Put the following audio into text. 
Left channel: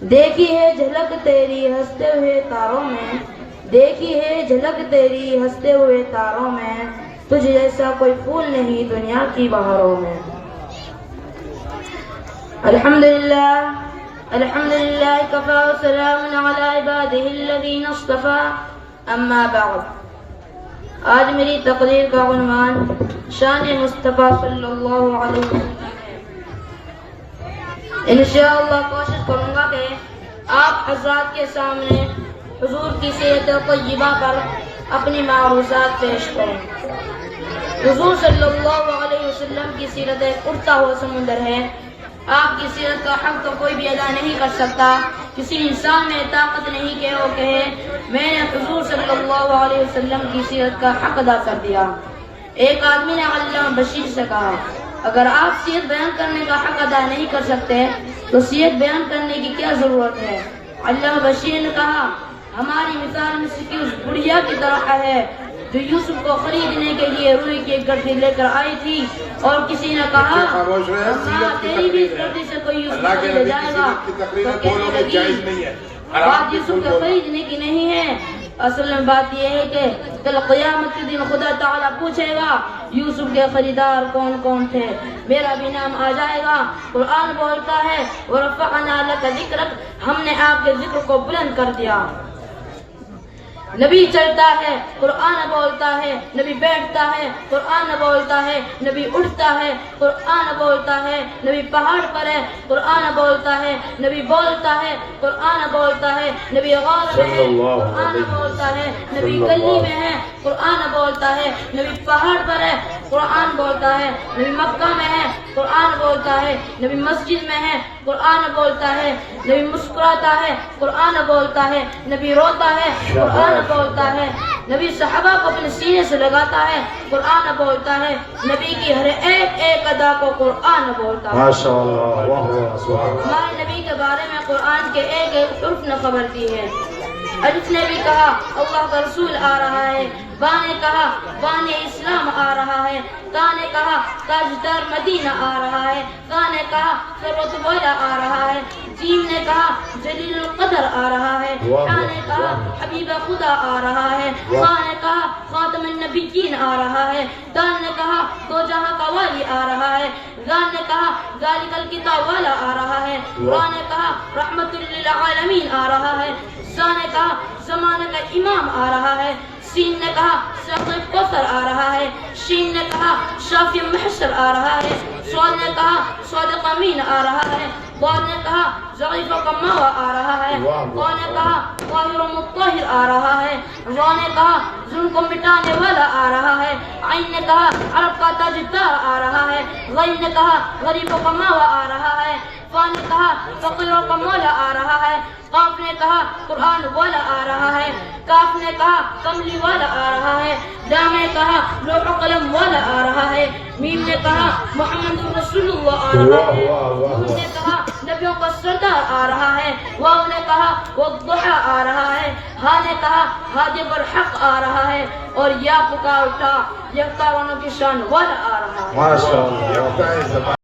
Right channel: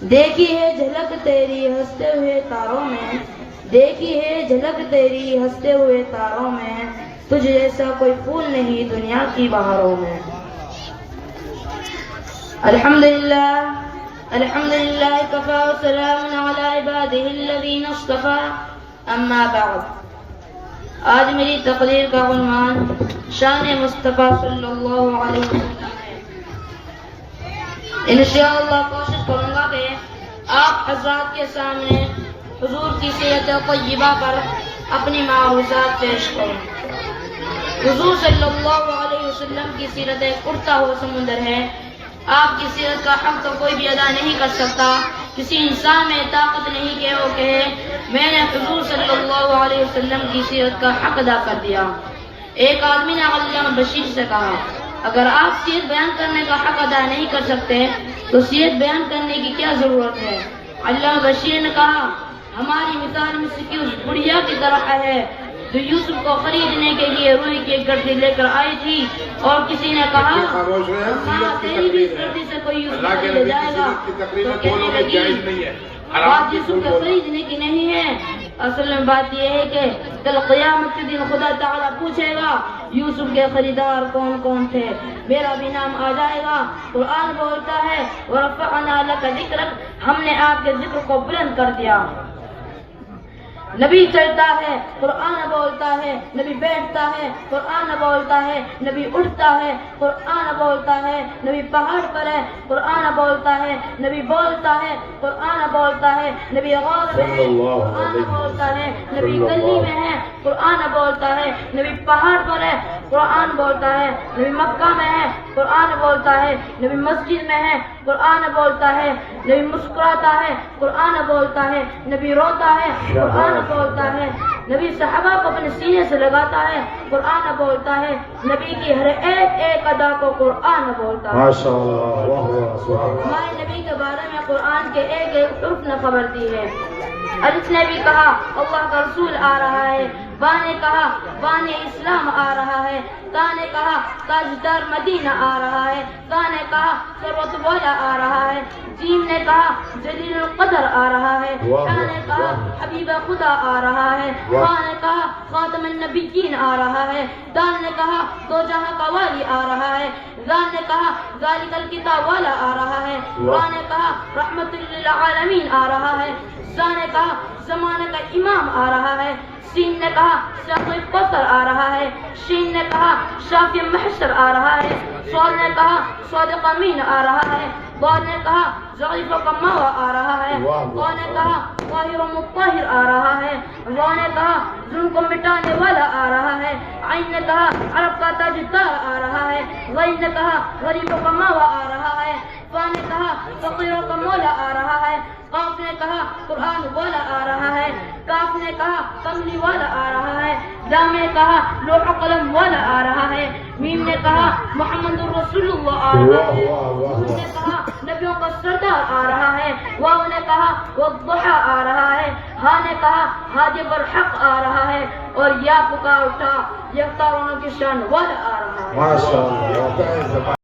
دیکھی ہے جھلک تیری ہنستے ہوئے تاروں میں، دیکھی ہے جھلک تیری ہنستے ہوئے تاروں میں، تجھ جیسا کوئی پھول نہیں دنیا کی بہاروں میں۔ الحمدللہ الحمدللہ کفا وسلام علی عبادہ الذین اصطفیٰ، اما بعد۔ آج میری تقریر کا عنوان شان مصطفیٰ صلی اللہ علیہ وسلم ہے۔ انشاءاللہ کوشش کروں گا کہ آپ حضرات کے سامنے حضور کی سیرت طیبہ پر اپنی معروضات پیش کریں۔ حضور صلی اللہ علیہ وسلم کی سیرت ایک اڑتا ہوا سمندر ہے۔ آپ کی سیرت کا حق تو کوئی بھی ادا نہیں کر سکتا۔ کسی انسان میں طاقت نہیں کہ وہ کہے میں نے حضور صلی اللہ علیہ وسلم کی سیرت کا حق ادا کر دیا۔ ایک آدمی نے علامہ بشیر سے کہا اگر آپ سیرت بیان کرنے کا حق ادا نہیں کر سکتے تو سیرت بیان کرنے کی کیا ضرورت ہے؟ علامہ بشیر نے کہا ہماری مثال مصر کی اس بڑھیا کی طرح ہے جو یوسف کو خریدنے کے لیے روئی کی ایک گردی لے کر آئی تھی، اور کسی نے کہا ہاں تیری بھی اس گردی سے کوئی یوسف خرید جائے گا، تو کہنے لگی بات یوسف کو خریدنے کی نہیں ہے، اصل میں بات یہ ہے کہ کل قیامت کے دن خدا تعالیٰ پوچھے گا یوسف کے خریدار کون کون تھے، میرا بھی نام آ جائے گا۔ قرآن بولتا ہے وَرَفَعْنَا لَكَ ذِكْرَكَ، ہم نے آپ کے ذکر کو بلند کر دیا۔ نبی چلتا ہے قرآن بولتا ہے، نبی بیٹھتا ہے قرآن بولتا ہے، نبی اٹھتا ہے قرآن بولتا ہے، نبی پہاڑ پر ہے قرآن بولتا ہے، نبی بولتا ہے قرآن بولتا ہے، نبی غار میں ہے قرآن بولتا ہے، نبی گلی میں ہے قرآن بولتا ہے، نبی پہاڑ پر ہے قرآن بولتا ہے، نبی مکہ میں ہے قرآن بولتا ہے، نبی مسجد میں ہے قرآن بولتا ہے، نبی مسکراتا ہے قرآن بولتا ہے، نبی روتا ہے قرآن بولتا ہے، نبی صحابہ کو اپنے سینے سے لگاتا ہے قرآن بولتا ہے، نبی کی ہر ایک ایک ادا کو قرآن بولتا ہے۔ ہمارے نبی کے بارے میں قرآن کے ایک ایک حرف نے خبر دی ہے۔ الف نے بھی کہا اللہ کا رسول آ رہا ہے، با نے کہا بان اسلام آ رہا ہے، تا نے کہا تاجدار مدینہ آ رہا ہے، کا نے کہا ثروت والا آ رہا ہے، جیم نے کہا جلیل القدر آ رہا ہے، حا نے کہا حبیب خدا آ رہا ہے، خا نے کہا خاتم النبیین آ رہا ہے، دال نے کہا دو جہاں کا والی آ رہا ہے، غال نے کہا ذالک الکتاب والا آ رہا ہے، را نے کہا رحمت للعالمین آ رہا ہے، زا نے کہا زمانے کا امام آ رہا ہے، سین نے کہا ساقی کوثر آ رہا ہے، شین نے کہا شافی محشر آ رہا ہے، صاد نے کہا صادق امین آ رہا ہے، ضاد نے کہا ضعیف و کماوا آ رہا ہے، قا نے کہا طاہر و مطہر آ رہا ہے، را نے کہا ظلم کو مٹانے والا آ رہا ہے، عین نے کہا عرب کا تاجدار آ رہا ہے، غین نے کہا غریب و کماوا آ رہا ہے، فا نے کہا فقیروں کا مولا آ رہا ہے، قاف نے کہا قرآن والا آ رہا ہے، کاف نے کہا کملی والا آ رہا ہے، لام نے کہا لوح و قلم والا آ رہا ہے، میم نے کہا محمد رسول اللہ آ رہا ہے، نون نے کہا نبیوں کا سردار آ رہا ہے، واو نے کہا والضحیٰ آ رہا ہے، ہا نے کہا ہادی برحق آ رہا ہے، اور یا پکار اٹھا یکتا رونوں کی شان والا آ رہا ہے۔